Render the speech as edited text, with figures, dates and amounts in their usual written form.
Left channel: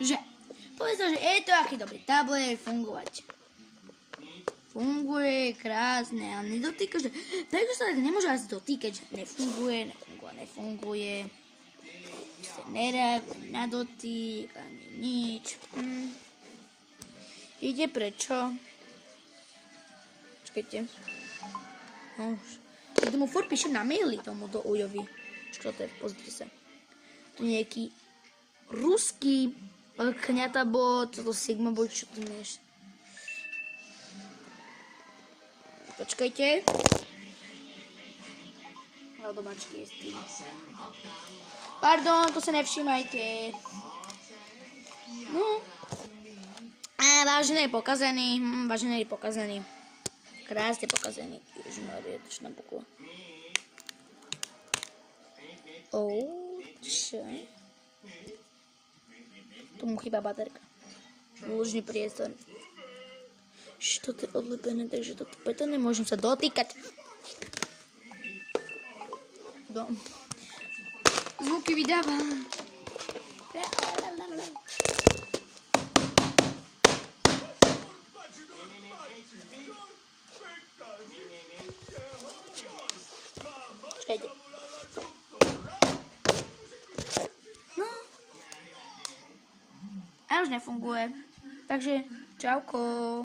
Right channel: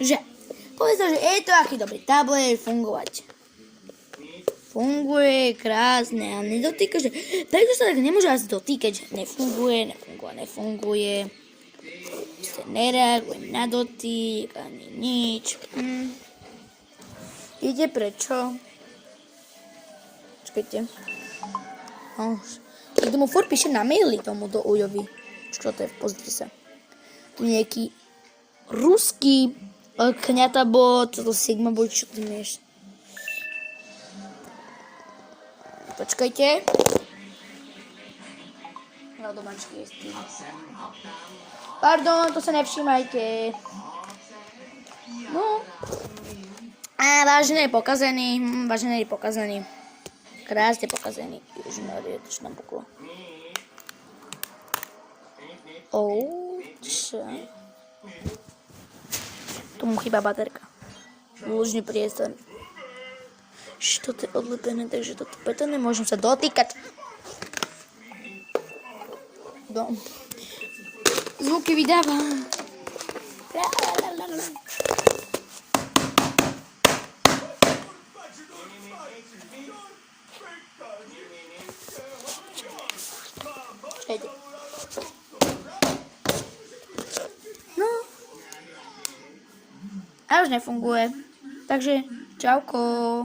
že povedal, že je to aký dobrý tablet, fungovať. Funguje krásne, ale nedotýka, že prečo sa tak nemôže asi dotýkať, že nefunguje. Proste nereaguje na dotyk, ani nič. Viete prečo? Čakajte. Niekto mu furt píše na maily tomuto Ujovi. Čo to je? Pozrite sa. Tu nejaký ruský kňatabot, to Sigma bot, čo ty vieš. Počkajte. Domačky je s tým. Pardon, to sa nevšímajte. No. Vážený je pokazený. Krásne pokazený. Ježišmarie, to čo nám puklo. Čo? Tomu chýba baterka. Lúžny priestor. Toto je odlepené, takže toto preto nemôžem sa dotýkať. Zvuky vydávam. No. A už nefunguje. Takže čauko.